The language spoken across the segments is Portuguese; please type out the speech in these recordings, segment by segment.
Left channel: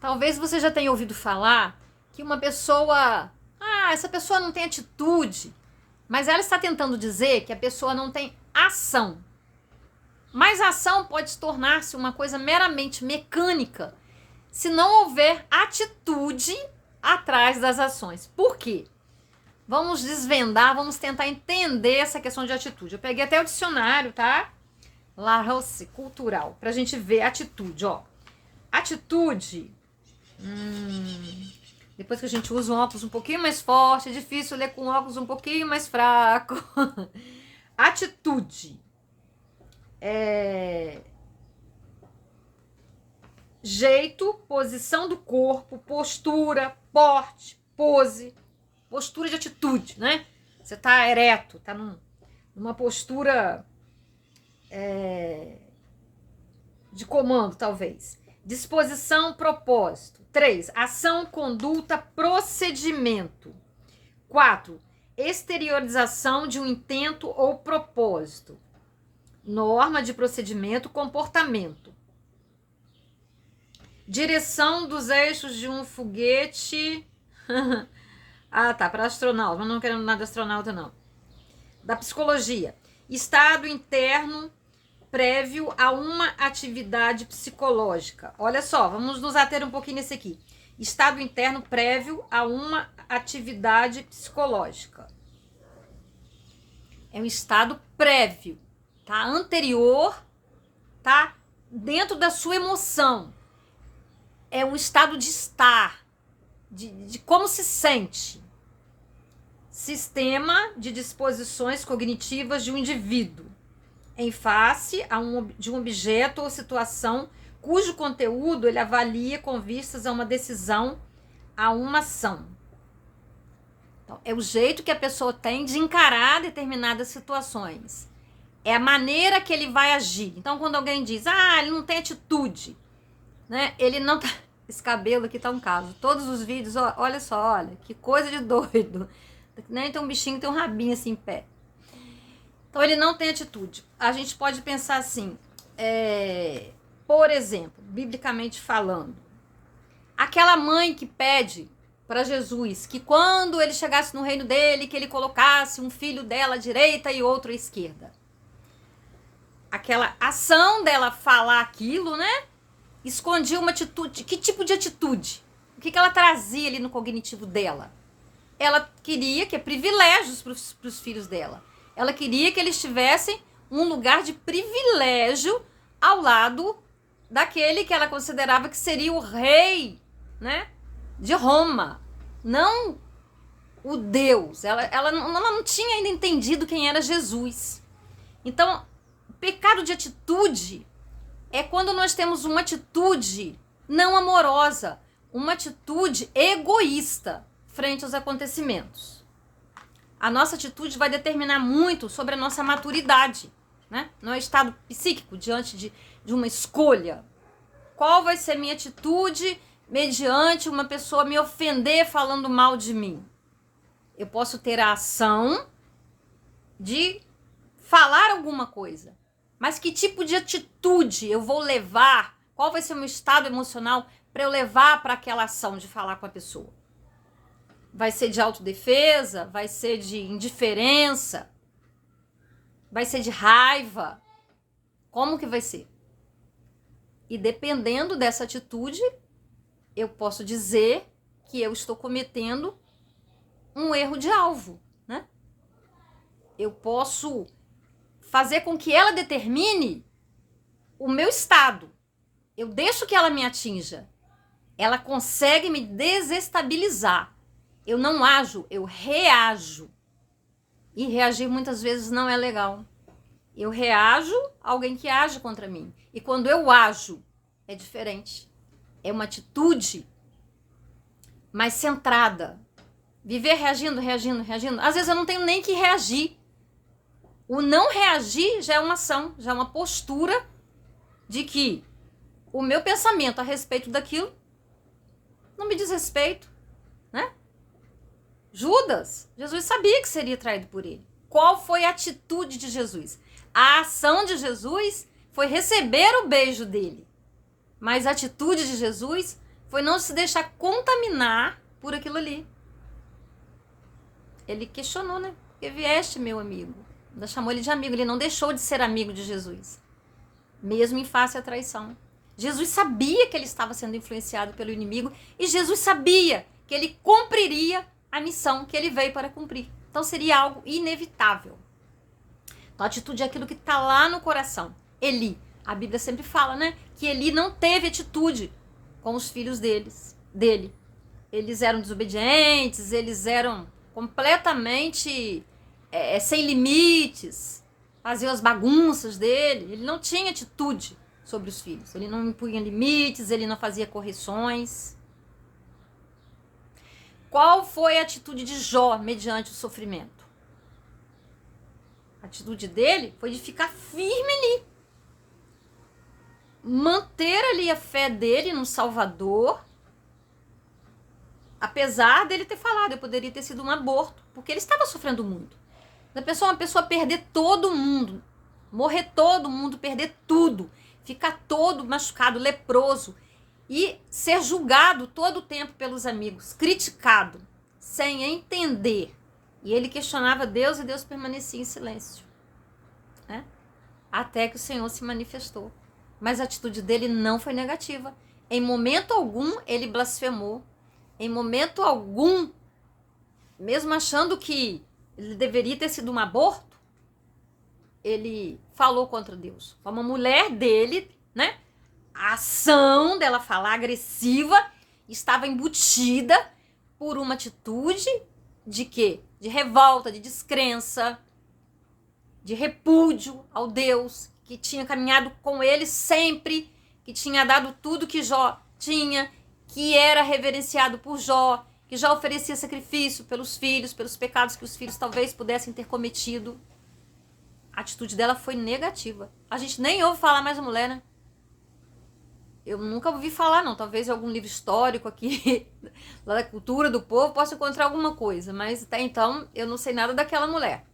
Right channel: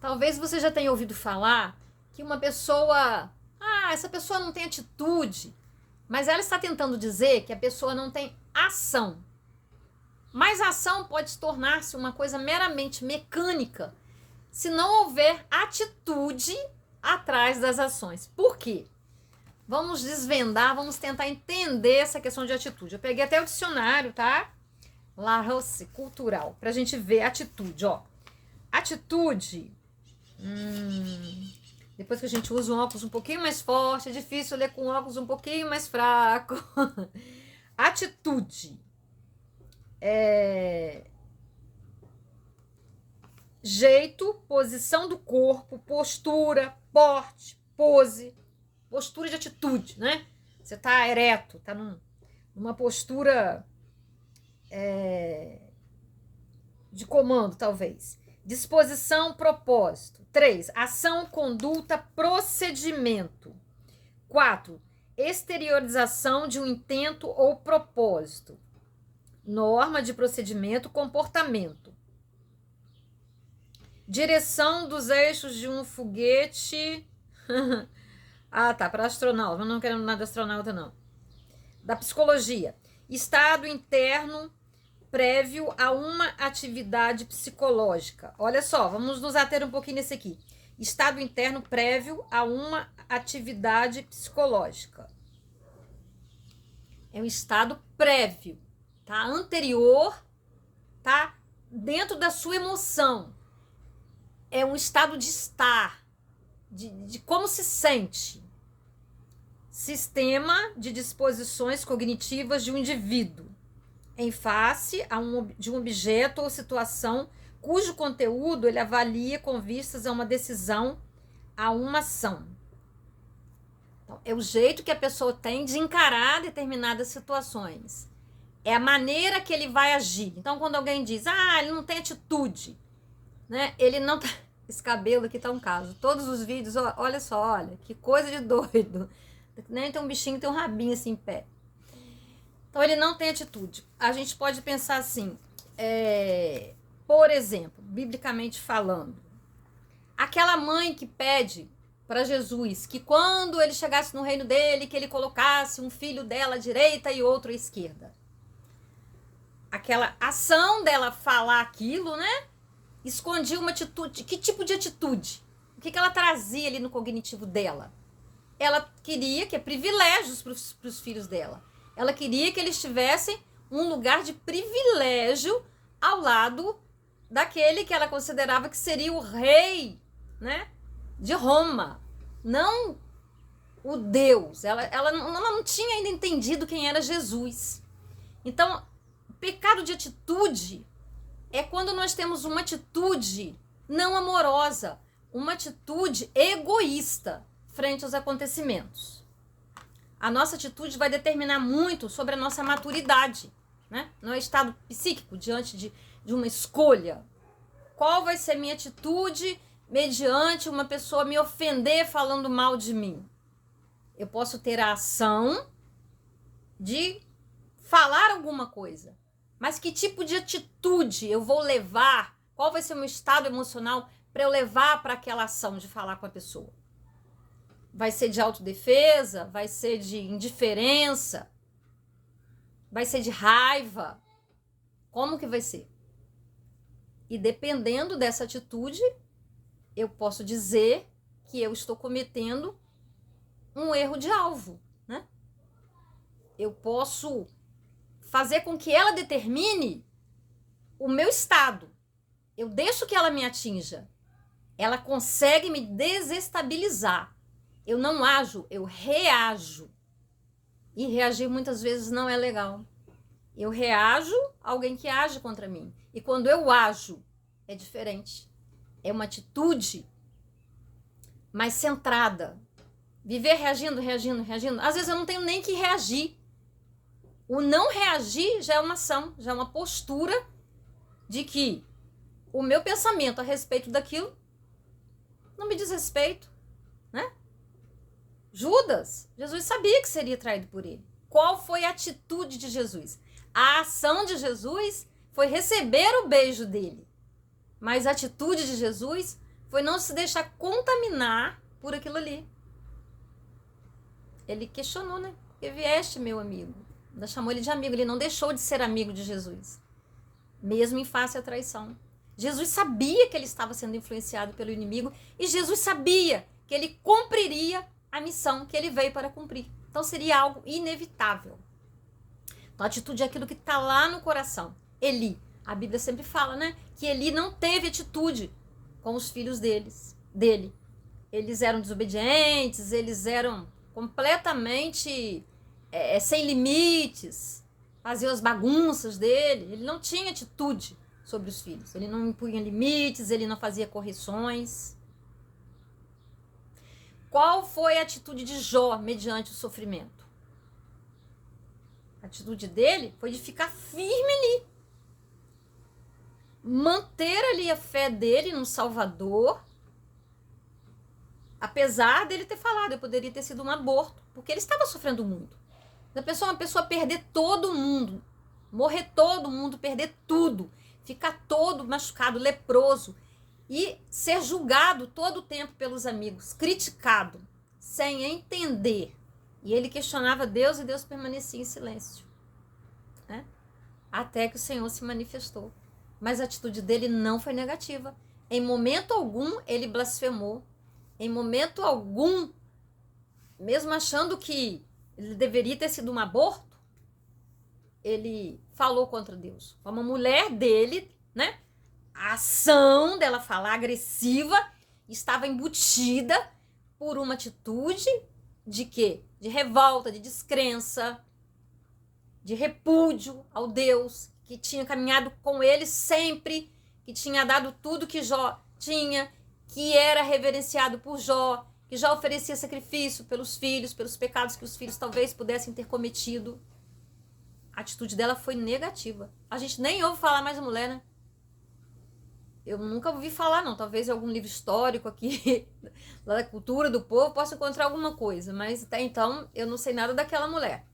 Talvez você já tenha ouvido falar que uma pessoa, essa pessoa não tem atitude, mas ela está tentando dizer que a pessoa não tem ação. Mas a ação pode tornar-se uma coisa meramente mecânica se não houver atitude atrás das ações. Por quê? Vamos desvendar, vamos tentar entender essa questão de atitude. Eu peguei até o dicionário, tá? Larousse cultural, pra gente ver atitude, ó. Atitude. Depois que a gente usa um óculos um pouquinho mais forte, é difícil ler com óculos um pouquinho mais fraco. Atitude. Jeito, posição do corpo, postura, porte, pose. Postura de atitude, né? Você tá ereto, tá numa postura de comando, talvez. Disposição, propósito. 3. Ação, conduta, procedimento. 4. Exteriorização de um intento ou propósito. Norma de procedimento, comportamento. Direção dos eixos de um foguete. Tá, para astronauta, mas não querendo nada de astronauta, não. Da psicologia. Estado interno prévio a uma atividade psicológica. Olha só, vamos nos ater um pouquinho nesse aqui. Estado interno prévio a uma atividade psicológica. É um estado prévio, tá? Anterior, tá? Dentro da sua emoção. É um estado de estar, de como se sente. Sistema de disposições cognitivas de um indivíduo em face de um objeto ou situação cujo conteúdo ele avalia com vistas a uma decisão, a uma ação. Então, é o jeito que a pessoa tem de encarar determinadas situações. É a maneira que ele vai agir. Então, quando alguém diz, ele não tem atitude, né? Ele não tá... Esse cabelo aqui tá um caso. Todos os vídeos, olha só, olha, que coisa de doido. Nem tem um bichinho, tem um rabinho assim em pé. Então, ele não tem atitude. A gente pode pensar assim, por exemplo, biblicamente falando, aquela mãe que pede para Jesus que quando ele chegasse no reino dele, que ele colocasse um filho dela à direita e outro à esquerda. Aquela ação dela falar aquilo, né? Escondia uma atitude. Que tipo de atitude? O que ela trazia ali no cognitivo dela? Ela queria que privilégios para os filhos dela. Ela queria que eles tivessem um lugar de privilégio ao lado daquele que ela considerava que seria o rei, né, de Roma. Não o Deus. Ela não tinha ainda entendido quem era Jesus. Então, o pecado de atitude é quando nós temos uma atitude não amorosa, uma atitude egoísta frente aos acontecimentos. A nossa atitude vai determinar muito sobre a nossa maturidade, né? No estado psíquico, diante de uma escolha. Qual vai ser minha atitude mediante uma pessoa me ofender falando mal de mim? Eu posso ter a ação de falar alguma coisa, mas que tipo de atitude eu vou levar? Qual vai ser o meu estado emocional para eu levar para aquela ação de falar com a pessoa? Vai ser de autodefesa? Vai ser de indiferença? Vai ser de raiva? Como que vai ser? E dependendo dessa atitude, eu posso dizer que eu estou cometendo um erro de alvo, né? Eu posso fazer com que ela determine o meu estado. Eu deixo que ela me atinja. Ela consegue me desestabilizar. Eu não ajo, eu reajo. E reagir muitas vezes não é legal. Eu reajo a alguém que age contra mim. E quando eu ajo, é diferente. É uma atitude mais centrada. Viver reagindo. Às vezes eu não tenho nem que reagir. O não reagir já é uma ação, já é uma postura de que o meu pensamento a respeito daquilo não me diz respeito, né? Judas, Jesus sabia que seria traído por ele. Qual foi a atitude de Jesus? A ação de Jesus foi receber o beijo dele. Mas a atitude de Jesus foi não se deixar contaminar por aquilo ali. Ele questionou, né? Porque vieste, meu amigo. Ainda chamou ele de amigo. Ele não deixou de ser amigo de Jesus, mesmo em face à traição. Jesus sabia que ele estava sendo influenciado pelo inimigo e Jesus sabia que ele cumpriria a missão que ele veio para cumprir. Então seria algo inevitável. Então, a atitude é aquilo que está lá no coração. Eli, a Bíblia sempre fala, né? Que Eli não teve atitude com os filhos dele. Eles eram desobedientes, eles eram completamente sem limites, faziam as bagunças dele. Ele não tinha atitude sobre os filhos. Ele não impunha limites, ele não fazia correções. Qual foi a atitude de Jó mediante o sofrimento? A atitude dele foi de ficar firme ali. Manter ali a fé dele no Salvador. Apesar dele ter falado, eu poderia ter sido um aborto, porque ele estava sofrendo muito. Uma pessoa perder todo mundo, morrer todo mundo, perder tudo, ficar todo machucado, leproso, e ser julgado todo o tempo pelos amigos, criticado, sem entender. E ele questionava Deus e Deus permanecia em silêncio, né? Até que o Senhor se manifestou. Mas a atitude dele não foi negativa. Em momento algum ele blasfemou. Em momento algum, mesmo achando que ele deveria ter sido um aborto, ele falou contra Deus. Como a mulher dele, né? A ação dela falar agressiva estava embutida por uma atitude de quê? De revolta, de descrença, de repúdio ao Deus que tinha caminhado com ele sempre, que tinha dado tudo que Jó tinha, que era reverenciado por Jó, que já oferecia sacrifício pelos filhos, pelos pecados que os filhos talvez pudessem ter cometido. A atitude dela foi negativa. A gente nem ouve falar mais da mulher, né? Eu nunca ouvi falar, não. Talvez em algum livro histórico aqui, lá da cultura do povo, possa encontrar alguma coisa. Mas até então, eu não sei nada daquela mulher.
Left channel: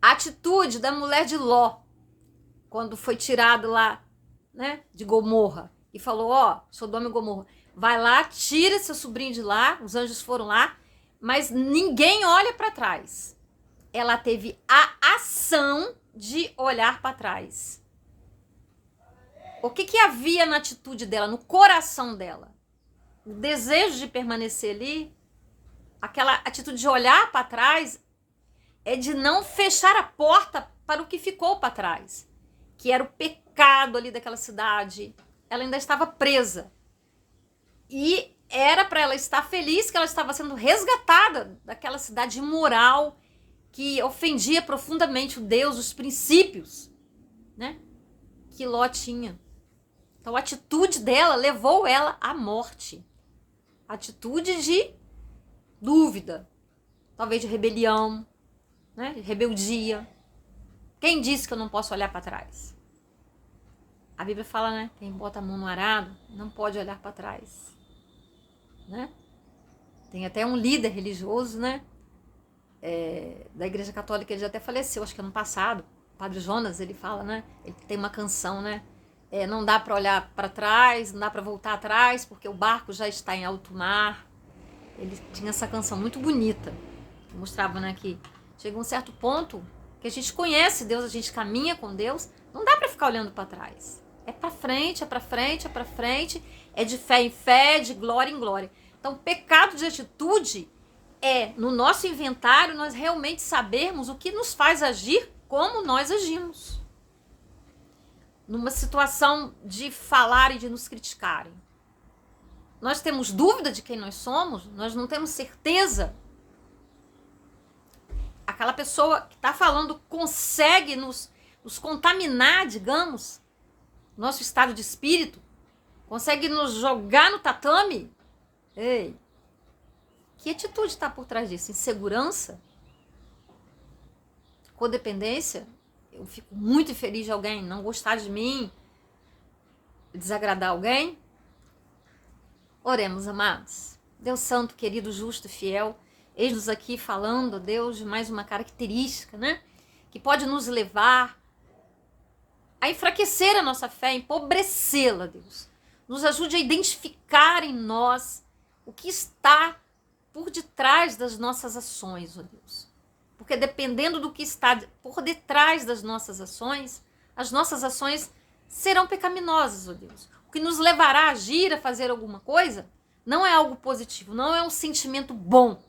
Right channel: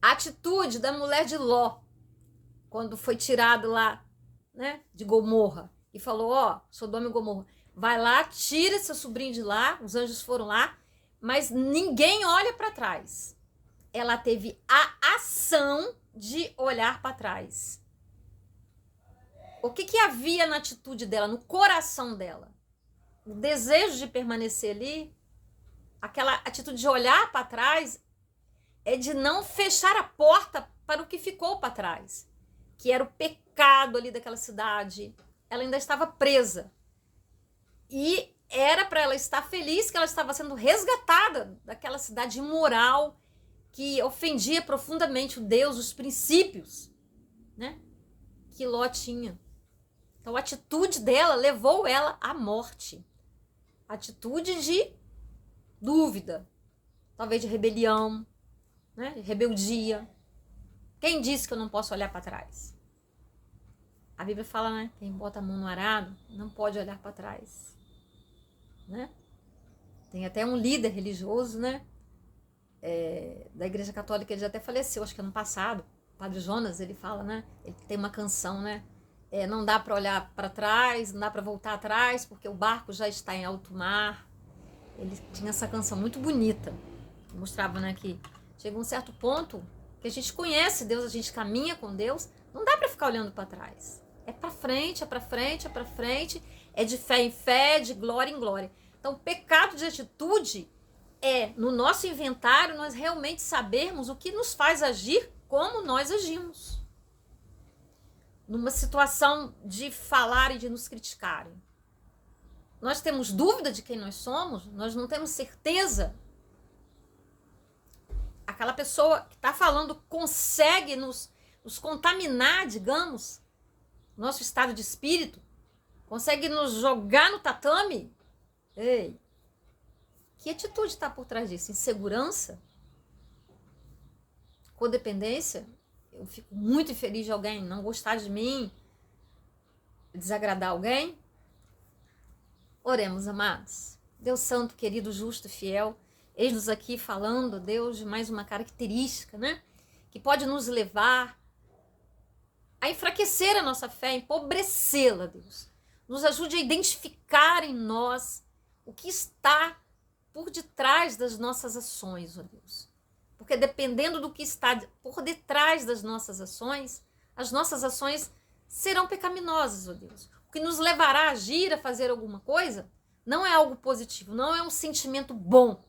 A atitude da mulher de Ló, quando foi tirado lá, né, de Gomorra, e falou, Sodoma e Gomorra, vai lá, tira seu sobrinho de lá, os anjos foram lá, mas ninguém olha para trás. Ela teve a ação de olhar para trás. O que havia na atitude dela, no coração dela? O desejo de permanecer ali, aquela atitude de olhar para trás, é de não fechar a porta para o que ficou para trás, que era o pecado ali daquela cidade. Ela ainda estava presa. E era para ela estar feliz que ela estava sendo resgatada daquela cidade imoral que ofendia profundamente o Deus, os princípios, né, que Ló tinha. Então, a atitude dela levou ela à morte. Atitude de dúvida, talvez de rebelião, né, de rebeldia. Quem disse que eu não posso olhar para trás? A Bíblia fala, né? Quem bota a mão no arado não pode olhar para trás, né? Tem até um líder religioso, né? Da Igreja Católica, ele já até faleceu, acho que ano passado. O Padre Jonas, ele fala, né? Ele tem uma canção, né? Não dá para olhar para trás, não dá para voltar atrás, porque o barco já está em alto mar. Ele tinha essa canção muito bonita. Mostrava, né, que chega um certo ponto que a gente conhece Deus, a gente caminha com Deus, não dá para ficar olhando para trás. É para frente, é para frente, é para frente, é de fé em fé, de glória em glória. Então, pecado de atitude é, no nosso inventário, nós realmente sabermos o que nos faz agir como nós agimos. Numa situação de falar e de nos criticarem. Nós temos dúvida de quem nós somos, nós não temos certeza. Aquela pessoa que está falando consegue nos contaminar, digamos, nosso estado de espírito, consegue nos jogar no tatame. Ei, que atitude está por trás disso? Insegurança? Codependência? Eu fico muito infeliz de alguém não gostar de mim, desagradar alguém. Oremos, amados. Deus santo, querido, justo e fiel, eis-nos aqui falando, Deus, de mais uma característica, né? Que pode nos levar a enfraquecer a nossa fé, empobrecê-la, Deus. Nos ajude a identificar em nós o que está por detrás das nossas ações, ó Deus. Porque dependendo do que está por detrás das nossas ações, as nossas ações serão pecaminosas, ó Deus. O que nos levará a agir, a fazer alguma coisa, não é algo positivo, não é um sentimento bom,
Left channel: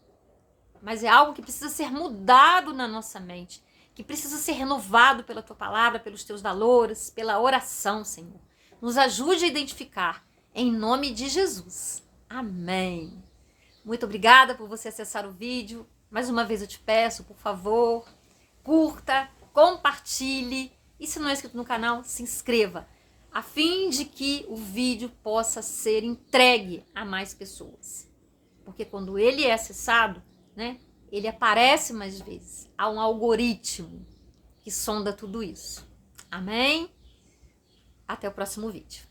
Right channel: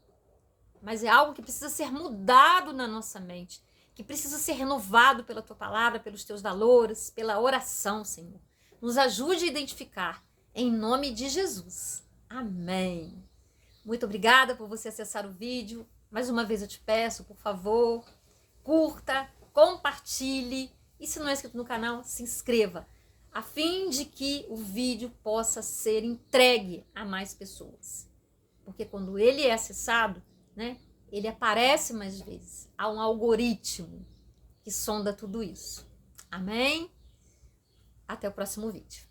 mas é algo que precisa ser mudado na nossa mente, que precisa ser renovado pela Tua palavra, pelos Teus valores, pela oração, Senhor. Nos ajude a identificar, em nome de Jesus. Amém. Muito obrigada por você acessar o vídeo. Mais uma vez eu te peço, por favor, curta, compartilhe e se não é inscrito no canal, se inscreva, a fim de que o vídeo possa ser entregue a mais pessoas. Porque quando ele é acessado, né, ele aparece mais vezes. Há um algoritmo que sonda tudo isso. Amém? Até o próximo vídeo.